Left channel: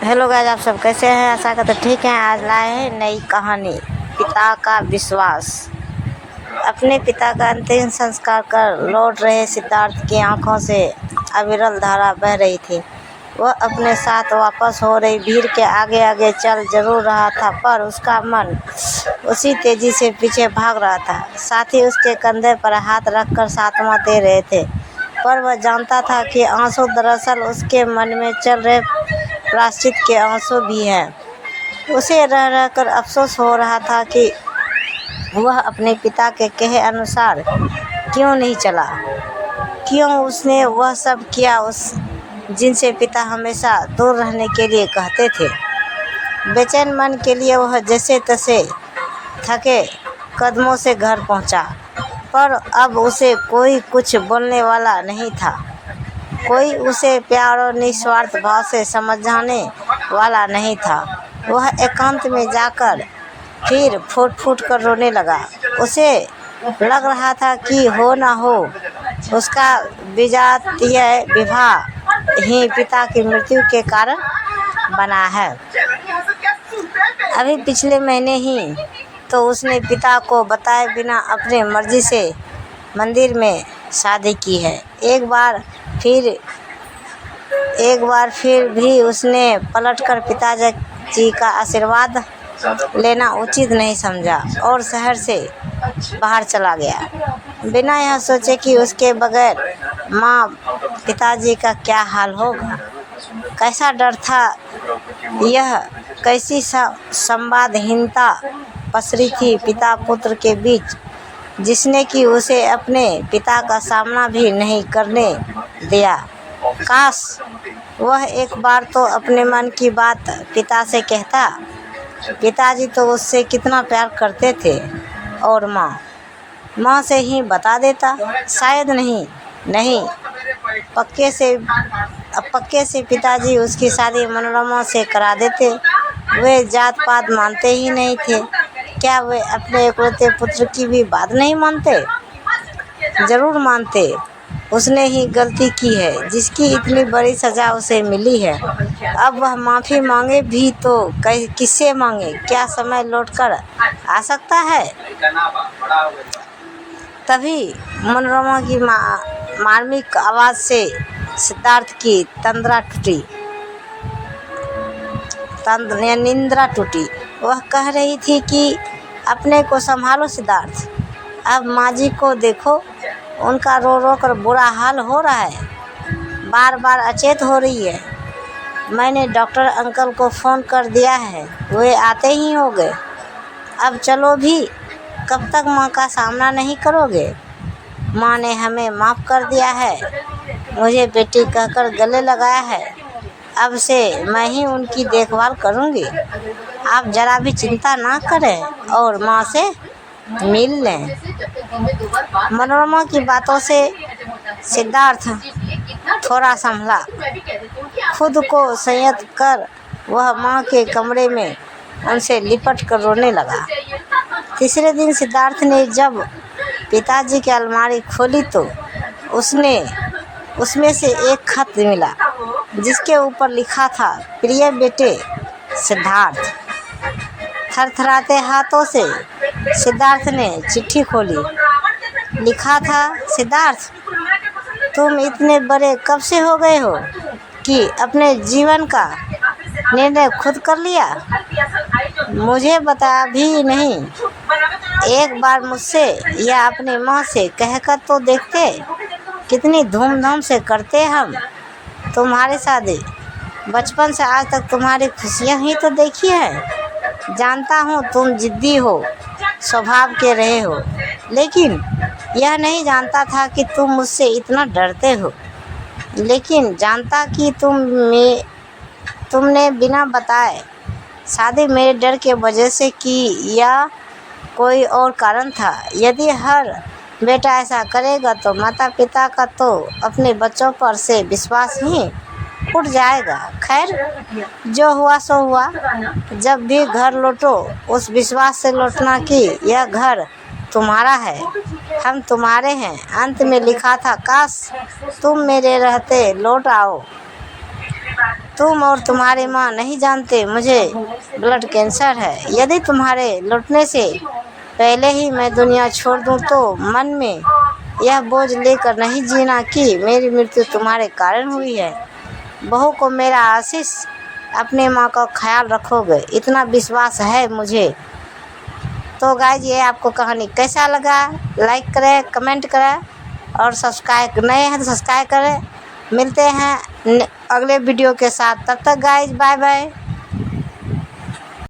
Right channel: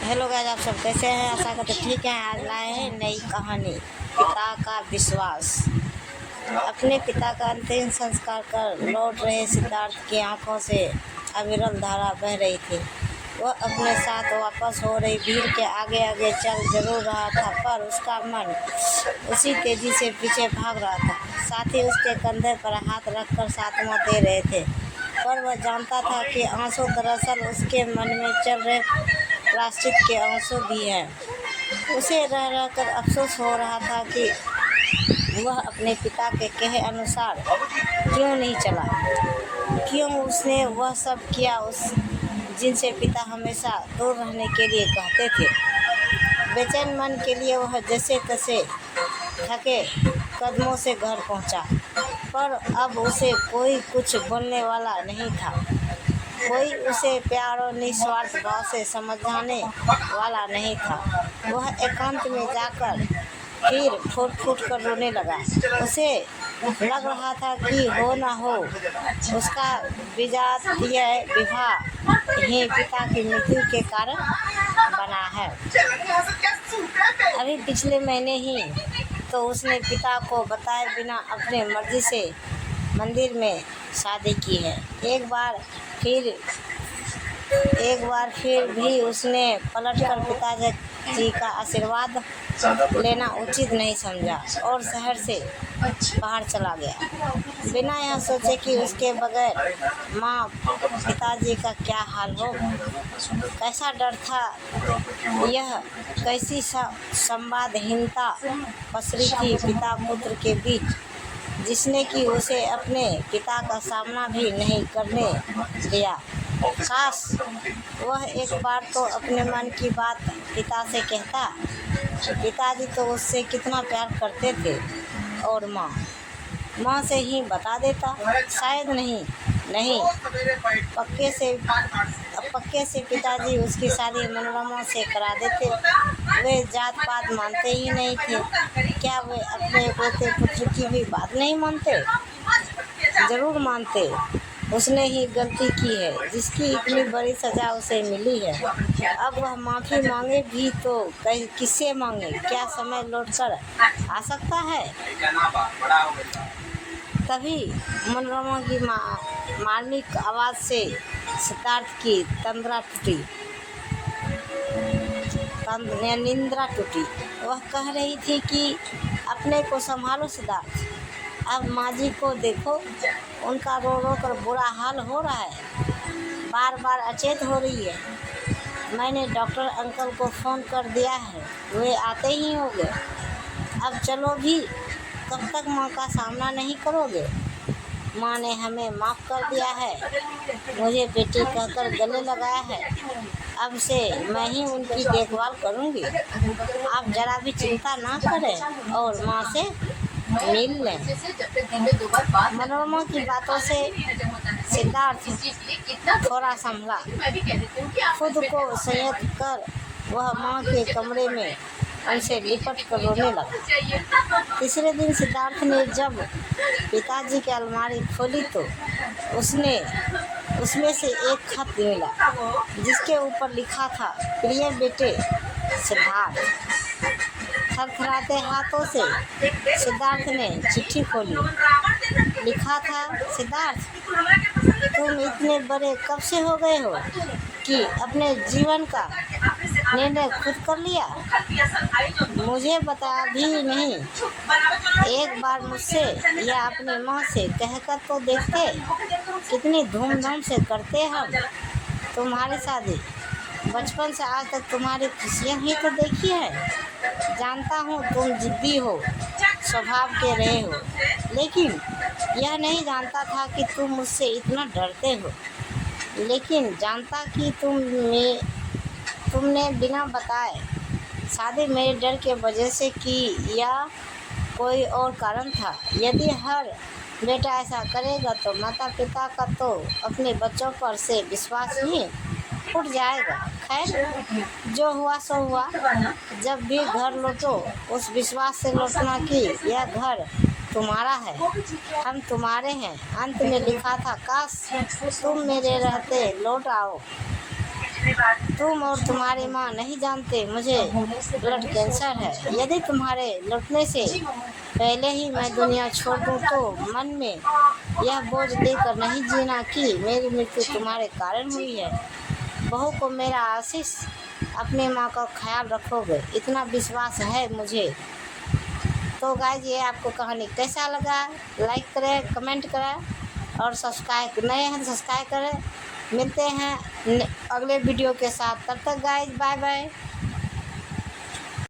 Hello guys, आप सब कैसे हैं? आशा करते ठीक हैं। आज लाए हैं नई कहानी, पिता का विश्वास। अपने पिता का अंतिम संस्कार कर लौट रहे सिद्धार्थ की आंखों से अविरल धारा बह रही थी। वह अपने साथ वापस हो रही भीड़ के आगे आगे चल जरूर रहा था, पर उसका मन उसी तेजी से पीछे भाग रहा था। साथी उसके कंधे पर हाथ रखकर सांत्वना दे रहे थे, पर वह जानता था कि आंसू दरअसल उसके मन में चल रहे प्रायश्चित के आंसू भी हैं। उसे रह रह कर अफसोस हो रहा था कि वह अपने पिता के कहे अनुसार क्यों नहीं चला, क्यों उसने वह सब किया उस जिनसे पिता हमेशा दूर रहने के लिए कहते थे। बेचैन मन के लिए वह जैसे तैसे थके कदमों से घर पहुंचा, पर अब उसे कोई कुछ बोलने वाला नहीं था। कोई उसे प्यार और निस्वार्थ भाव से समझाने वाला नहीं था। वह एकांत में जाकर फिर फूट फूट कर रोने लगा। उसे लग रहा था कि हो न हो उसका विजातीय विवाह ही पिता की मृत्यु के कारण बना है। अभी पिछले महीने ही तो उसने पिता को बताए बिना अपने मर्जी से मंदिर में शादी की है। एक बार फिर भी उसने पलटकर पिताजी का आशीर्वाद लेना उचित नहीं समझा और शहर से बाहर चला गया, बिना यह सोचे कि उसके बगैर माँ पिताजी का क्या हाल होगा। कैसा डर था यह, कैसी संवादहीनता पसरी थी पिता पुत्र के बीच, जिसने कि उसे अपने पिता का सामना भी नहीं करने दिया। काश वह एक बार तो अपने मन की बात पिता से कहता। पिताजी तो उससे कितना प्यार करते थे, और माँ से ही बता देता। शायद नहीं पक्के से पिताजी उसकी शादी मनोरमा से करा देते। वे जात पात मानते ही नहीं थे। क्या वे अपने इकलौते पुत्र की भी बात नहीं मानते? जरूर मानते। उसने ही गलती की है जिसकी इतनी बड़ी सजा उसे मिली है। अब वह माफ़ी मांगे भी तो किससे मांगे? क्या समय लौटकर आ सकता है? तभी मनोरमा की मार्मिक आवाज़ से सिद्धार्थ की निंद्रा टूटी। वह कह रही थी कि अपने को संभालो सिद्धार्थ, अब माँ जी को देखो, उनका रो रो कर बुरा हाल हो रहा है, बार बार अचेत हो रही है। मैंने डॉक्टर अंकल को फ़ोन कर दिया है, वे आते ही होंगे। अब चलो भी, कब तक माँ का सामना नहीं करोगे? माँ ने हमें माफ़ कर दिया है, मुझे बेटी कहकर गले लगाया है। अब से मैं ही उनकी देखभाल करूँगी। आप जरा भी चिंता ना करें और माँ से मिल लें। मनोरमा की बातों से सिद्धार्थ थोड़ा संभला। खुद को संयत कर वह माँ के कमरे में उनसे लिपट कर रोने लगा। तीसरे दिन सिद्धार्थ ने जब पिताजी की अलमारी खोली तो उसमें से एक खत मिला, जिसके ऊपर लिखा था, प्रिय बेटे सिद्धार्थ। थरथराते हाथों से सिद्धार्थ ने चिट्ठी खोली। लिखा था, सिद्धार्थ, तुम इतने बड़े कब से हो गए हो कि अपने जीवन का निर्णय खुद कर लिया? मुझे बता भी नहीं। एक बार मुझसे या अपने माँ से कहकर तो देखते। कितनी धूमधाम से करते हम तुम्हारी शादी। बचपन से आज तक तुम्हारी खुशियाँ ही तो देखी हैं। जानता हूँ तुम जिद्दी हो, स्वभाव के रहे हो, लेकिन यह नहीं जानता था कि तुम मुझसे इतना डरते हो। लेकिन जानता कि तुमने बिना बताए शादी मेरे डर के वजह से की या कोई और कारण था। यदि हर बेटा ऐसा करेगा तो माता पिता का तो अपने बच्चों पर से विश्वास ही उठ जाएगा। खैर, जो हुआ सो हुआ। जब भी घर लौटो उस विश्वास से लौटना कि यह घर तुम्हारा है, हम तुम्हारे हैं। अंत में लिखा था, काश तुम मेरे रहते लौट आओ। तुम और तुम्हारी माँ नहीं जानते मुझे ब्लड कैंसर है। यदि तुम्हारे लौटने से पहले ही मैं दुनिया छोड़ दूं तो मन में यह बोझ लेकर नहीं जीना कि मेरी मृत्यु तुम्हारे कारण हुई है। बहू को मेरा आशीष, अपने माँ का ख्याल रखोगे, इतना विश्वास है मुझे। तो गाइज ये आपको कहानी कैसा लगा, लाइक करें, कमेंट करें और सब्सक्राइब, नए हैं तो सब्सक्राइब करें। मिलते हैं अगले वीडियो के साथ, तब तक गाइज बाय बाय।